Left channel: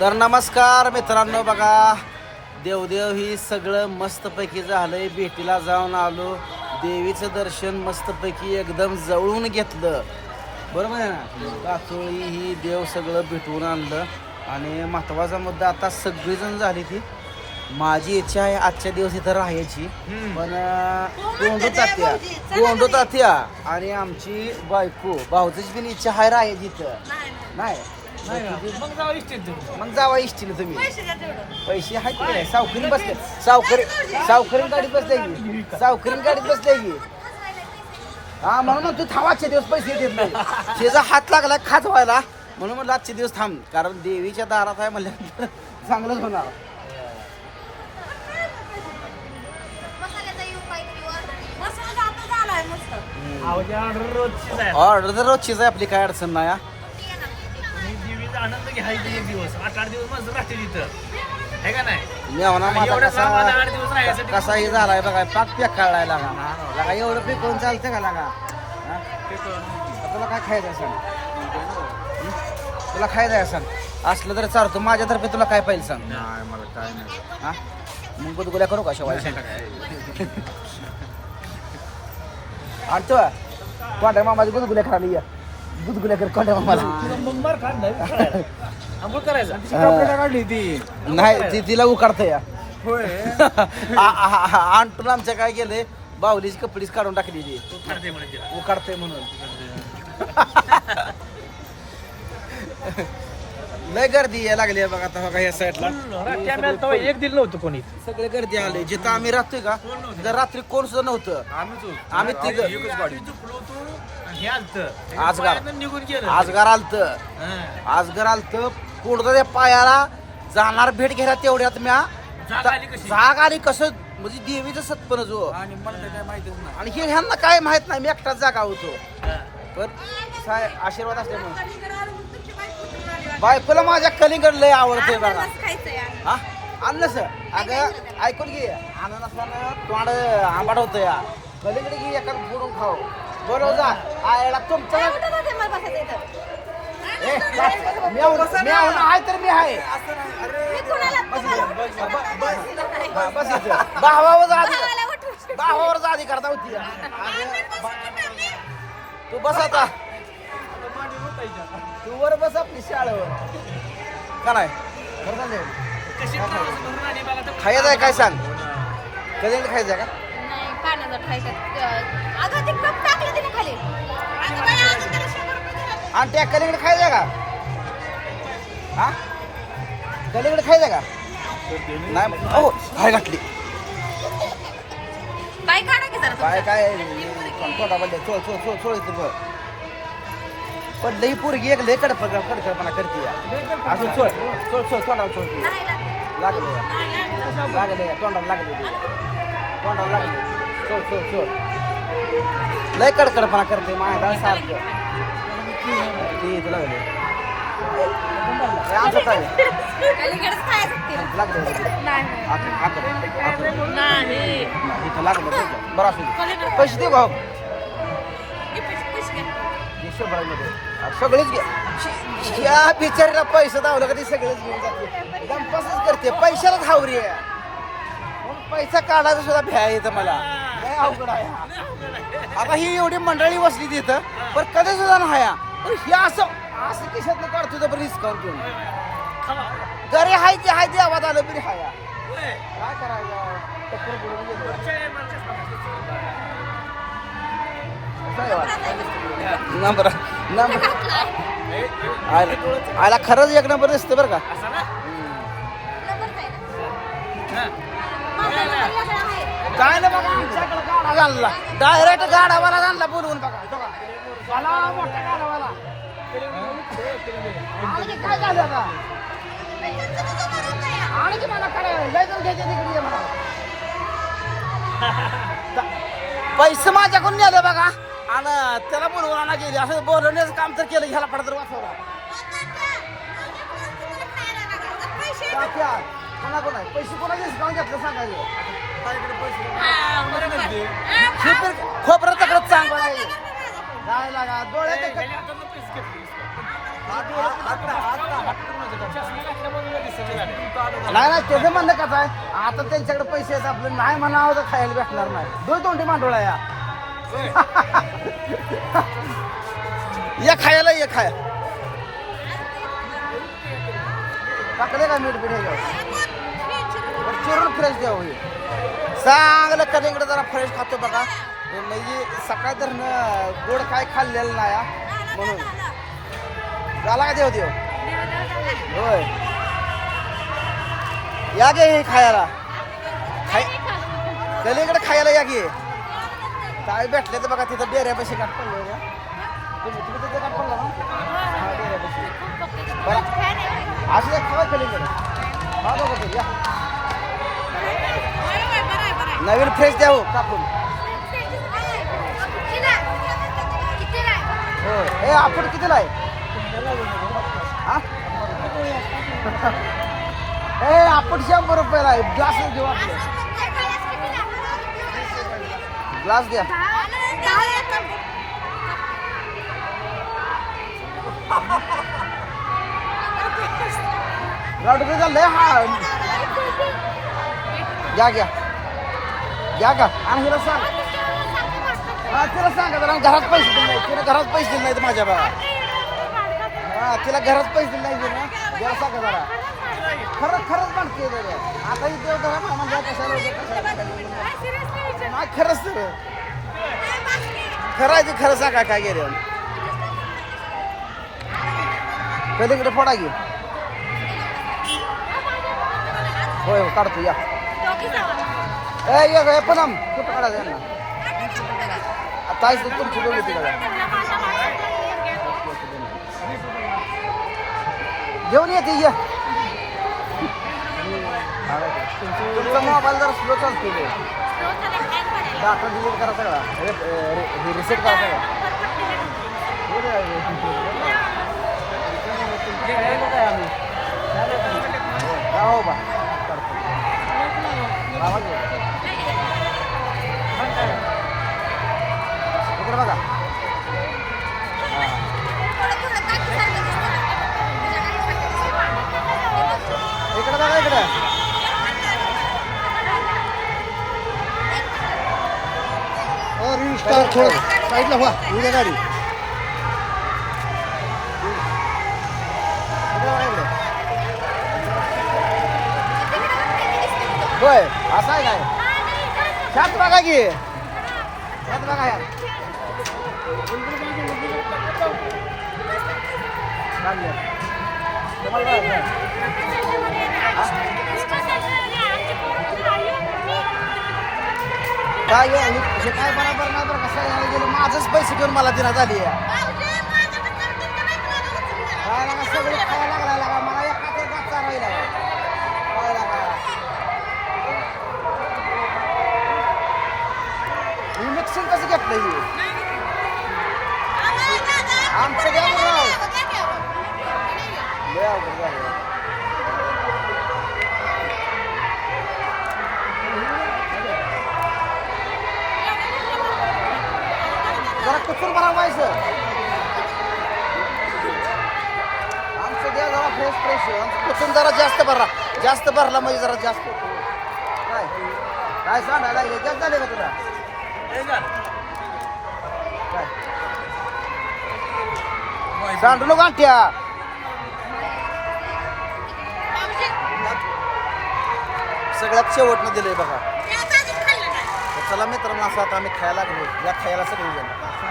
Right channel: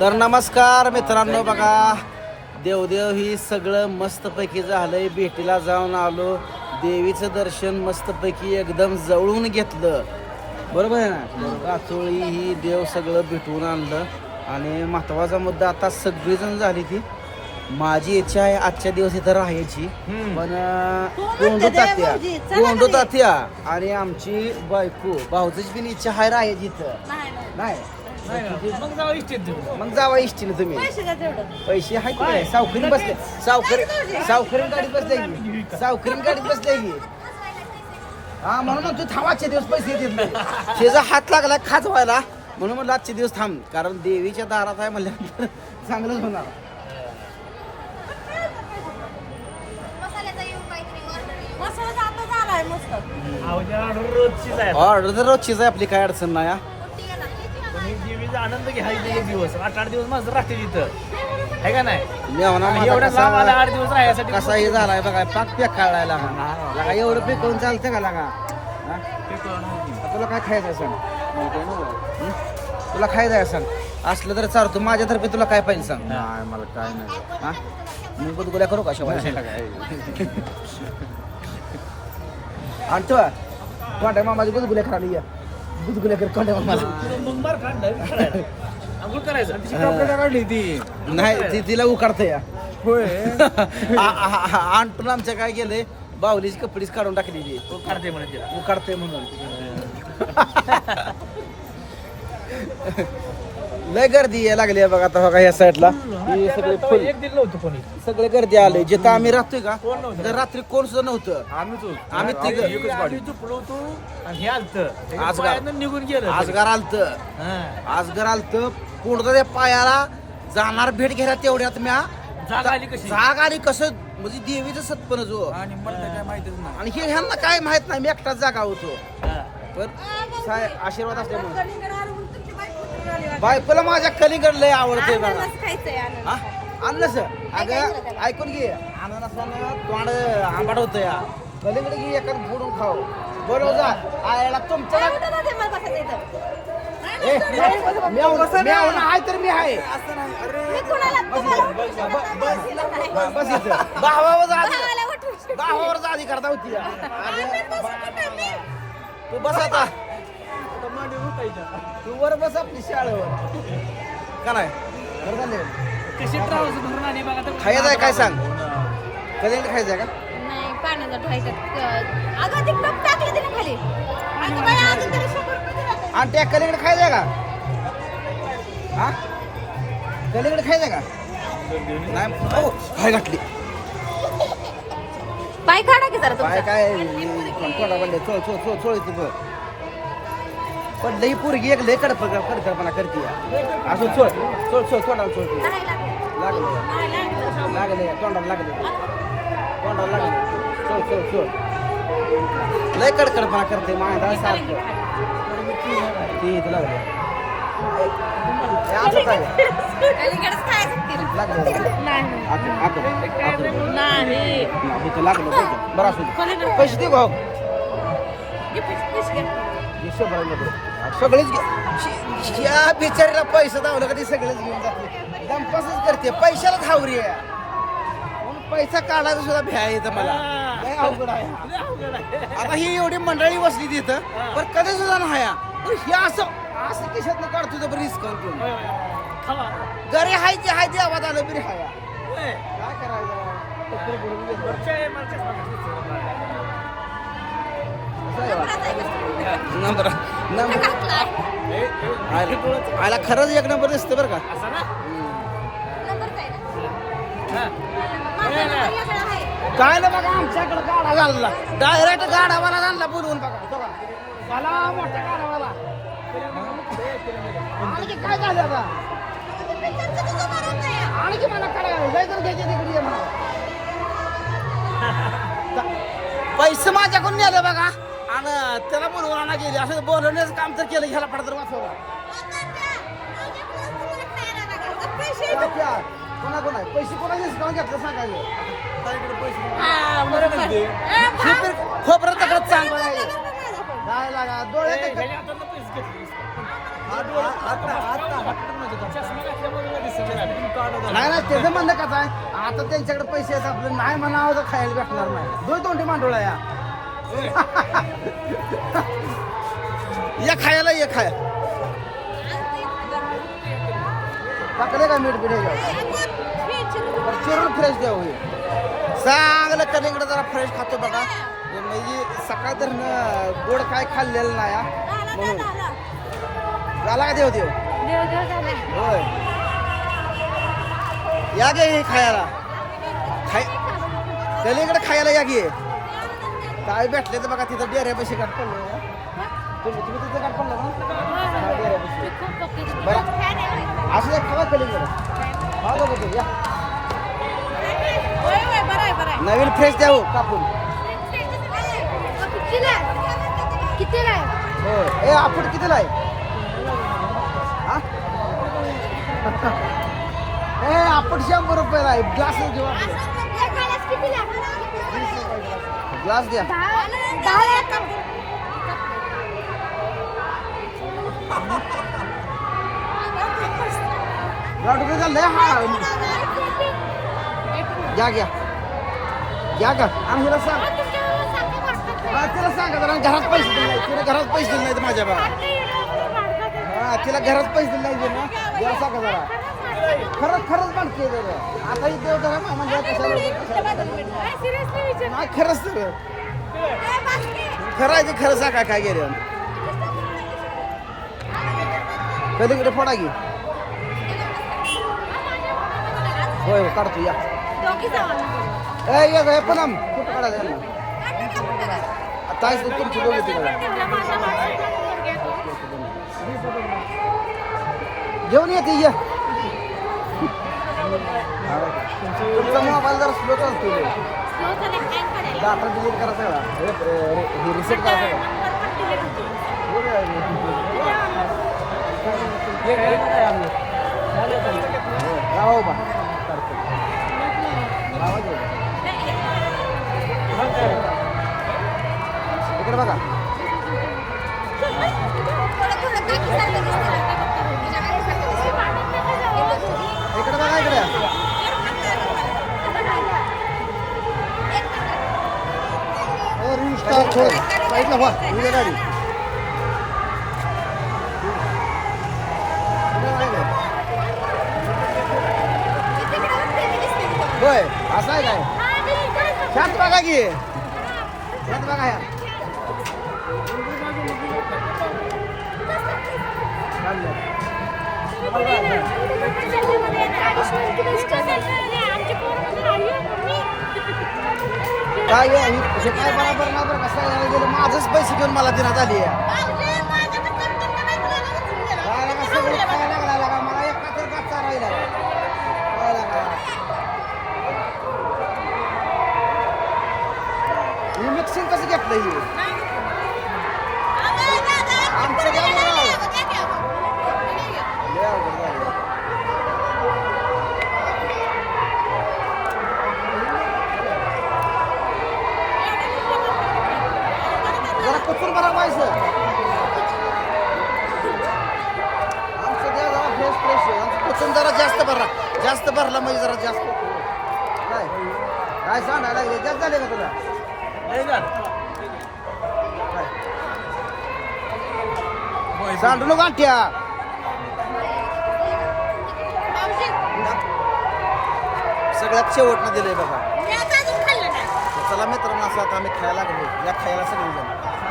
तर नमस्कार मित्रांनो, बघा देवदेव ही सगळं मस्तपैकी झालंय. भेटीला जाऊन आलो, देवीचं दर्शन मस्तपैकी एकदम जवळून घेतलं. बरोबर आहे ना. काचोळी ही देव सगळं भेटवून आणलं. आणि महत्वाचा मुद्दा, आता सगळीजण झाली ती. माझी इच्छा आहे आजच्या दिवस इथं राहायची, पण गोंडू तात्या आणि आमची बायको भाऊची पण इच्छा आहे राहायची इथं. नाही मग जावा इष्टीने तुम्ही. पैसे आहेत काय? सावकरी बसले, सावकरी गाडीत बसले की, सावकरी गाडीत बसले की. हा म्हणून तू थांबाचे दिवस पैसे देत नाही. शेजा हात लागला खाजवायला, म्हणून म्हणलं आजचे दिवस थांब, कारण देवीच्या दारात आहे म्हणल्यानंतर चांगलंच होणार. ऑर्डर तर रोजचीच आहे आपली, काय अडचण नाही. आनंद घ्यायचे दिवस 8 दिवस माझं राहते तिथं, आहे का नाही. मेवना माझा कसा हे झालाय बघा, पाक पेक काढायला लागा. एवढं पिकवून चालतं का लागा? तुला काय खायचं सांग, तुला खायचं सांग. असलं तर चालतो, माझ्यातर्फे तुला काय पाहिजे सांग. नाही मला काय नाही. हा मग गुदगुल्या करू का शेवाय? आणतो कोणत्या मामाची गुदगुल्या खाली या, गुदगुल्या कर कोणत्या मामाला. काढली ती नाही, तिला उकाडतं या. होय. आणतो आमच्या काय गेले, बाहुलीची कपडीच काढून टाकली ती. उकाडते म्हणून. लय गर्दी यायला लागली आहे बघा आता बघा या साईडला. एक दिल नव्हतं कोणी, सगळे गर्दी आले. जिथं आम्ही राहतोय का, जर रात्री कोण सुद्धा नव्हतं. आम्ही तिघ झोपलो होतो आणि हे आलत आजगार निघून गेलं. आजगार आलत कोणतं त्या पायाला जाणार भेट घ्यायला. तेवढ्यात म्या जाग आली कसं, म्हणजे देवीचं सत्पन जो. आणि मला काय माहितीच नाही. आणि हे ह्यांना काय माहित नाही, मी एकटाच जागा होतो. पण आशीर्वाद असल्यामुळे बायकोला माझ्या कलिंगड लय आवडतंय बघा. हा अननस अगं ऐकून घे, अननसानं तोंड आंबाट होतं या. कलिंगड घे एखाद फोडून खाऊ. बरोबर जा आयला तुमचं आहे तर मी आहे. बस इथं भावावर जा अधिकार होती. तू बस आता, तू वर बस आपली शाळेवर का नाही. खायचं आहे काय सांग, कधी खायचं आहे का? नाही पाण्याचा अगं ते कप टाकलं तिने खाली. आणि त्या कलीकडे खायचं आहे का? हा कलीकडे खायचं आहे का? नाही हो काय घातली पाय काढा की जरा काय काय तोंडा पडले. चोळ पडलं ही पोरगी एक लय कडपणा करते असं. चोळ तोंडाला चोळते. लागले तोंडाला लागले चोळ लय कडकडपणा करते माझ्या सारखं. इथं लागले लागलं बरं असू. पैसे दे भाऊ, सगळेच या बिचारीला पैसे दावलं का ते सगळेच घेऊन जाते. दंपासच करते, पैशालाच हावरी आहे. म्हणून पैसा काढायचा सुद्धा भ्या येतं मला. लय अवघड आहे. आता ही एवढी मंडळी बसली तिथं, पण कधी सुद्धा नाही. पण हे असं किशातनं काढतो तर बरं डिस्काउंट घेऊन. घरी हाय ते हाय ते आवाज आलं बरी हाया. काय करायचं, टक्कर बुडून नंबर आला खरंच एक नंबर दिसते बरं का. काय ना बघा, आमच्याकडे गाडा घालला, डायरेक्ट गाडावाला आणला बोलवून. बघा मला मोठा गाडावाला आणखी काय झालं आता, आणखी मला करायला लय जण घ्यायचे तिकडे ये म्हणा. पैसे माझ्याकडून नेलं बघा, आणि त्याला बोलवून आणा गेली. असं बोलवण्याचं काम तर केलं, ह्याला पडतर वाचवला. कोणा पैसे कोणा डिस्काउंट घेतलं सांगायचं. खोबरं तकडं चांगलं आहे. काय लागा डोळ्यात नाही नाही त्याचं म्हणणं कसं आहे आता त्यांच्याकडे पैसे आहेत आपले नाही म्हणावं तर खायला भेटणार नाही दोन तोंडी मांडोळा या या खायला ये खाया टाकले का मीठ बीठ घ्यावं बरं चिरून फ्रेश द्यावं हे चांगलं कलिंगड जरा फ्रेश खातो बघा म्हणजे सकाळ तर गोड काय खाल्लेलं नाही हा. म्हणून झाला का देव देव होय या गे हे खायला खाय कलिंगड खायला या गे काय भेटले तर बघा तिथं डेऱ्यापाशी गाठ पडलो या तुम्ही तिथं गाठ पडला ना हा डेऱ्यापाशी बरं असं एक खावा कलिंगड हा बघा तू या नवीन फ्रेश द्या हो कापून होय ए आपण कितीला आहे हा ए आपण 100 रुपयाला आहे ग्लास घेऊ आपले ग्लास घ्या रुपये झाले हा घ्या घ्या घ्या का आणि हिला सांग हा तिला सांगा जरा घरात पैसे दिले नाही तिला घरात पैसे दिले नाहीत माझ्या बघा हा तिला घरात पैसे दिले नाही ना जरा सांगा जरा खरंच म्हणते आता ही देव धरा म्हणजे कशाला नाही खरंच तर खरं आहे ते खरं सांगा काय गेले कधीकडे फोडा घे होय काढतो या ए पण कुठं काढायचं यांना आता तुमची दोघी तिकडे घेऊन येते या तुमचा मोबाईल जरा स्लो चालतो डाटा डिलीट करा सगळा हे रिसेट करा सगळं राहो बा करतो आवाज इकडे बघा इकडे बघा इकडे गाडी होय असं आहे काय ह्यात बघा की ह्यात बघा ह्यात काय हे काय बरोबर नाही बरं कसं यायला गेलं माझंच पैसे घेऊन मला दिनात आली काय लागा सगळे खायला लागला लागा मला एका तर गाचा राहिला काय लागा ही मिक्सिंग कसं घेतलं ही आमचं द्या लय अवघड झालं जरा कुठून भरा व्हायचं आमचं द्या जरा फ्रेश फ्रेश कुठून जरा जास्त भरला म्हणजे जरा जास्त काय काय सांगायला लागले जास्त झाले का तुला काय सांडू नको गांठ्या सगळ्यात शेवटनं दिलंय बघा चला मित्रांनो असं आता आम्ही खायला लागलो या खायला सगळेजण